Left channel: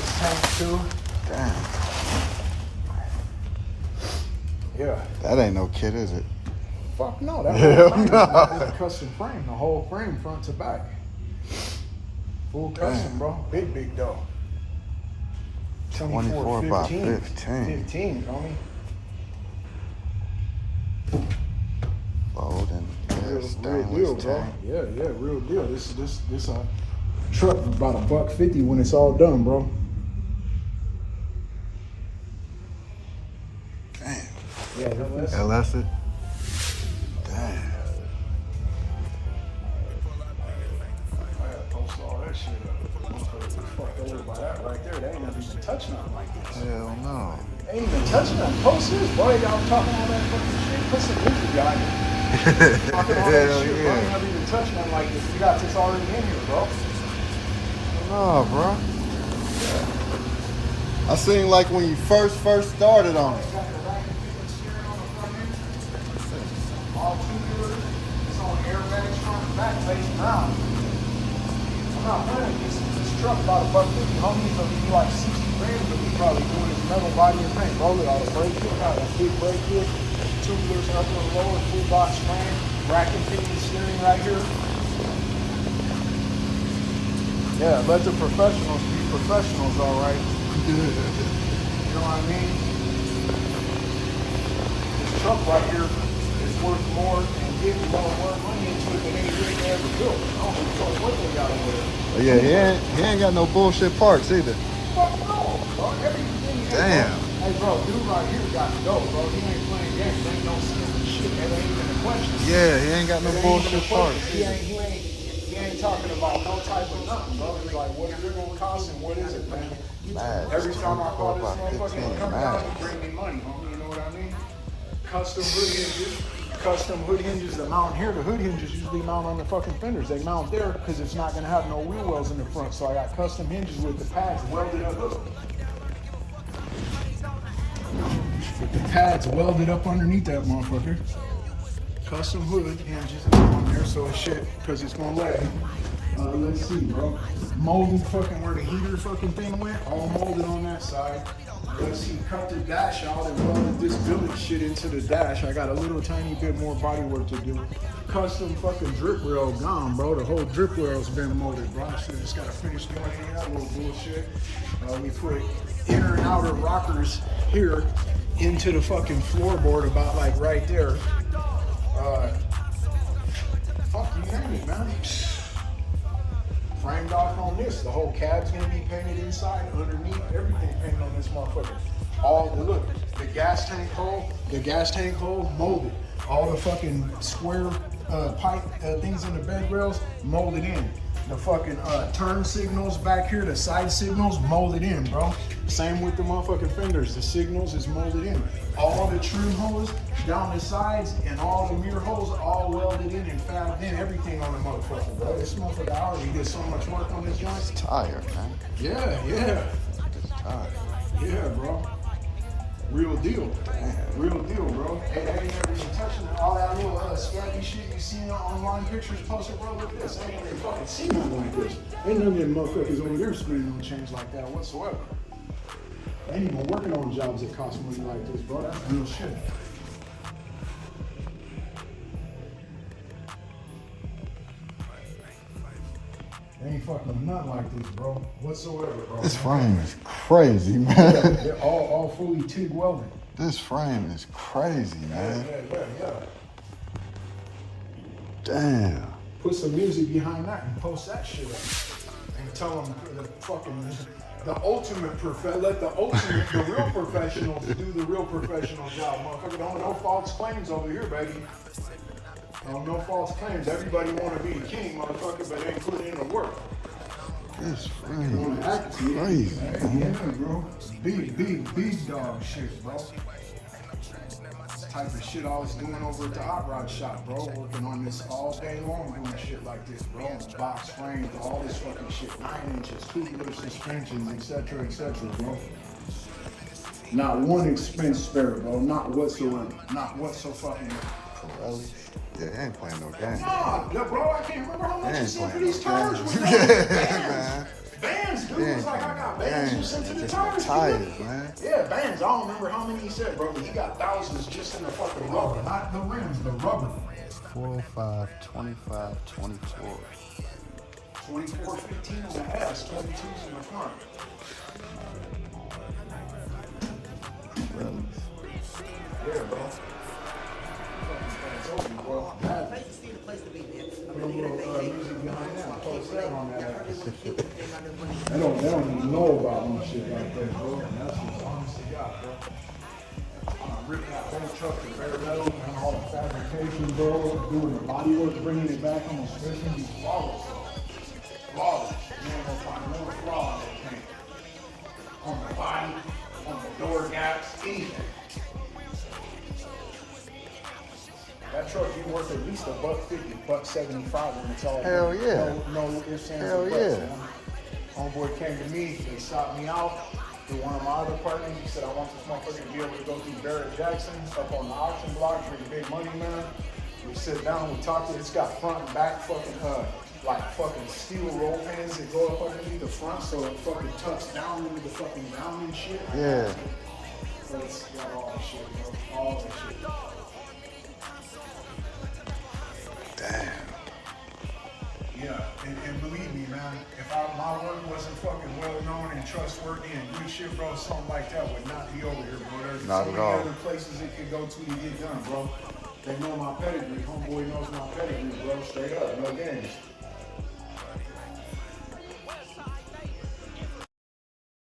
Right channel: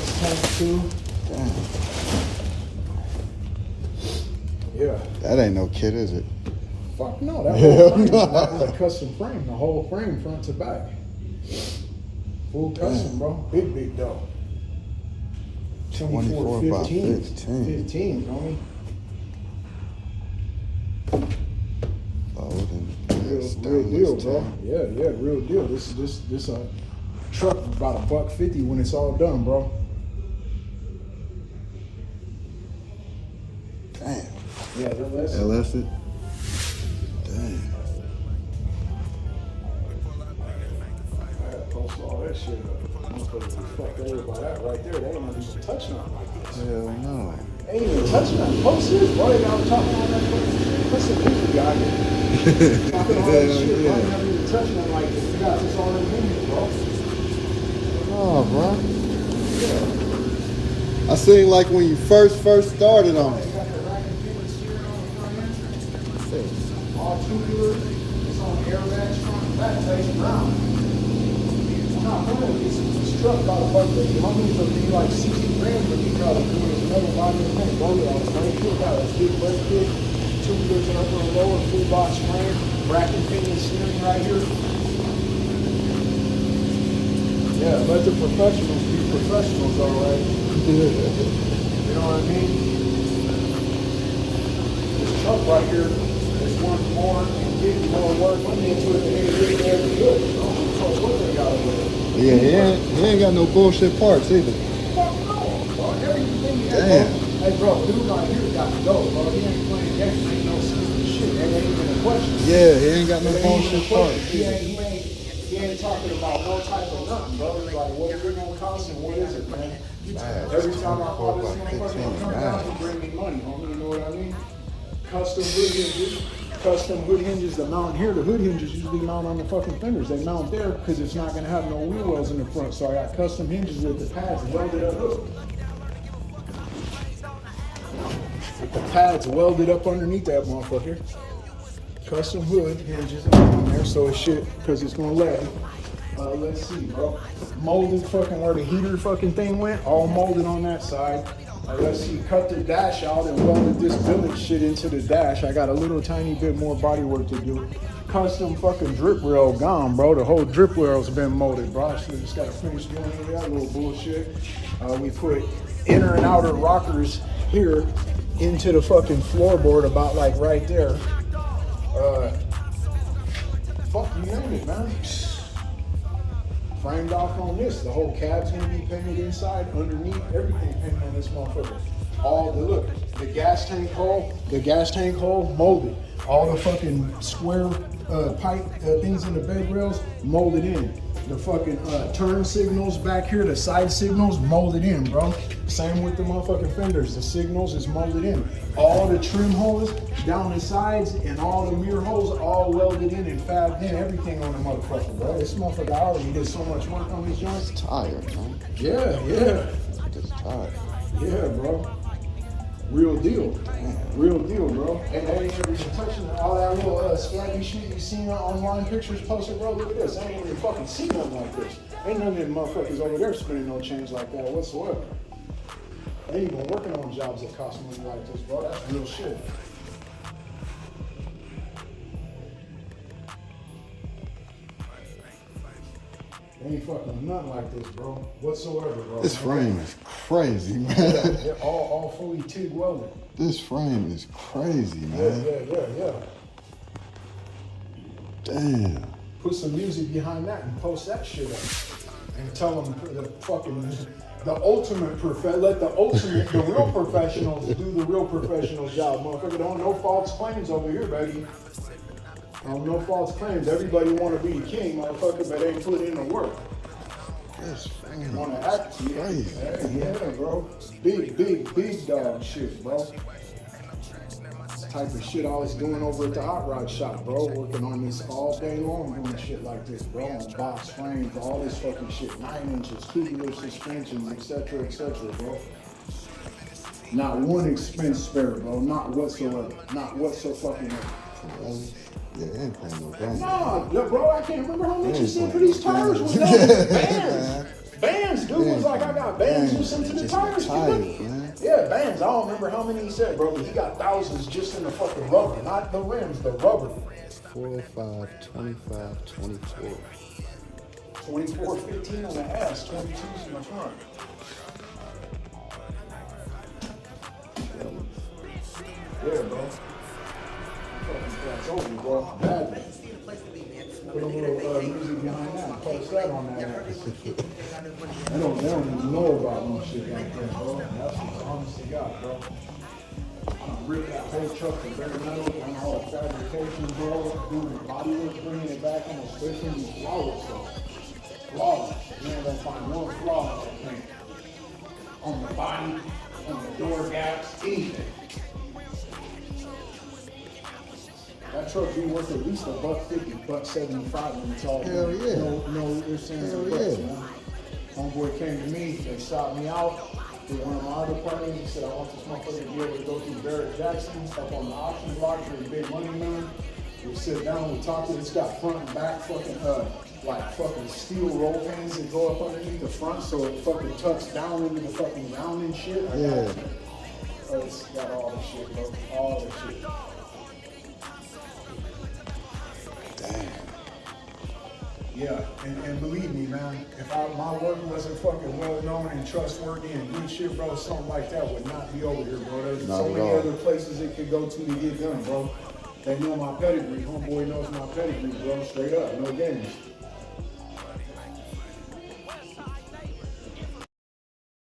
tank too. Damn. Yeah. That ain't no kit, is it? Fuck no. That is a custom frame. The whole frame, front to back. Full custom, bro. Big dog. 24 by 15. 15, homie. Fold and Real deal, bro. Yeah, real deal. This truck is about $150 when it's all done, bro. Damn. Yeah, LS it. Damn. Post all that shit up. Fuck over by that right there. They ain't even touching nothing like this. Hell no. They ain't even touching nothing. Post this, boy. Y'all talking. What's the music behind it? Fucking all that shit, bro. You're not even touching them like this. You got this already in here, bro. Nah, bro. I seen like when you first started on it. All tubular. It's on airbags front and back, laying ground. I'm not playing this. This truck got a $150. Homies will be like 60 grand, but you probably doing is another body and paint. Roll it out. Brake kit, got a big brake kit. Tubulars up and lower, full box frame, rack and pinion steering right here. Yeah, let the professionals be professionals, all right. You know what I mean? This truck right here is worth more and give you more work money into it than anything they ever built. I don't give a fuck what they got in here. Yeah, he ain't got no bullshit parts either. Fuck no, bro. Everything. Damn. Hey, bro, dude right here got to go, bro. He ain't playing games. Ain't no shit. That ain't even a question. Yeah, he ain't got no bullshit parts He either. ain't talking about no type of nothing, bro. It's like, what is it going to cost and what is it, man? Every time I call this motherfucker, he comes down and bring me money, homie. You know what I mean? Custom hood hinges. The mount here, the hood hinges usually mount on the fucking fenders. They mount there because it's not going to have no wheel wells in the front. So I got custom hinges with the pads welded up. The pads welded up underneath that motherfucker. Custom hood hinges on there, so it's shit because it's gonna lay. Let's see, bro. Molded fucking where the heater fucking thing went, all molded on that side. Let's see, cut the dash out and welded this billet shit into the dash. I got a little tiny bit more body work to do. Custom fucking drip rail gone, bro. The whole drip rail's been molded, bro. I should've just gotta finish doing any of that little bullshit. We put inner and outer rockers here into the fucking floorboard about like right there. Fuck you name it, man. Framed off on this. The whole cab's gonna be painted inside, underneath, everything painted on this motherfucker. All the look, the gas tank hole molded. All the fucking square pipe things in the bed rails molded in. The fucking turn signals back here, the side signals molded in, bro. Same with the motherfucking fenders. The signals is molded in. All the trim holes down the sides and all the mirror holes all welded in and fabbed in. Everything on the motherfucker, bro. This motherfucker already did so much work on these joints. Tired, man. Yeah. Just tired. Yeah, bro. Real deal. Real deal, bro. Hey, that ain't even touching all that little swaggy shit you seen on online pictures posted, bro. Look at this. I ain't even fucking seen nothing like this. Ain't none of them motherfuckers over there spending no change like that whatsoever. They ain't even working on jobs that cost money like this, bro. That's real shit. Ain't fucking nothing like this, bro. Whatsoever, bro. This frame is crazy, man. They're all fully TIG welded. This frame is crazy, man. Yeah. Damn. Put some music behind that and post that shit up. And tell them the ultimate let the real professionals do the real professional job, motherfucker. Don't no false claims over here, baby. No false claims. Everybody want to be the king, motherfucker, but they ain't putting in the work. That's fine. On the act, yeah, bro. Big dog shit, bro. Type of shit I was doing over at the hot rod shop, bro. Working on this all day long on shit like this, bro. On box frames, all this fucking shit. 9 inches, tubular suspension, etc., bro. Not one expense spare, bro. Not whatsoever. Not whatsoever. Yeah, they ain't playing no game. Nah, bro, I can't remember how much you sent for these tires. Bands, dude was like, I got bands just into the just tires. tires, man. Yeah, bands. I don't remember how many he said, bro, but he got thousands just in the fucking rubber, not the rims, the rubber. 4, 5, 25, 24. 24, 15 on the ass, 22s in the front. Yeah, bro. Fucking pass over, bro. Bad. Put a little music behind that. Post that on that. They don't even know about no shit like that, bro. That's just honest to God, bro. I'm ripping that base truck for bare metal on all the fabrication, bro. Doing the body work, bringing it back on my system. It's flawless, bro. Flawless. You ain't gonna find no flaw on the body, on the door gaps, anything. That truck be worth at least $150, $175 when it's all Hell done. yeah. No ifs, ands, Hell or buts, yeah. man. Homeboy came to me, they stopped me out with one of my other partners. He said, I want this motherfucker to be able to go through Barrett Jackson up on the auction block for the big money man. We sit down, we talk to it. It's got front and back fucking, like fucking steel roll pins that go up underneath the front so it fucking tucks down into the fucking round and shit. Yeah. So it's got all the shit, bro. All the shit. Damn. Yeah, and believe me, man, if my work wasn't fucking well known and trustworthy and good shit, bro, something like that would not be over here, bro. There's Not so at many all. other places it could go to get done, bro. They know my pedigree. Homeboy knows my pedigree, bro. Straight up, no games.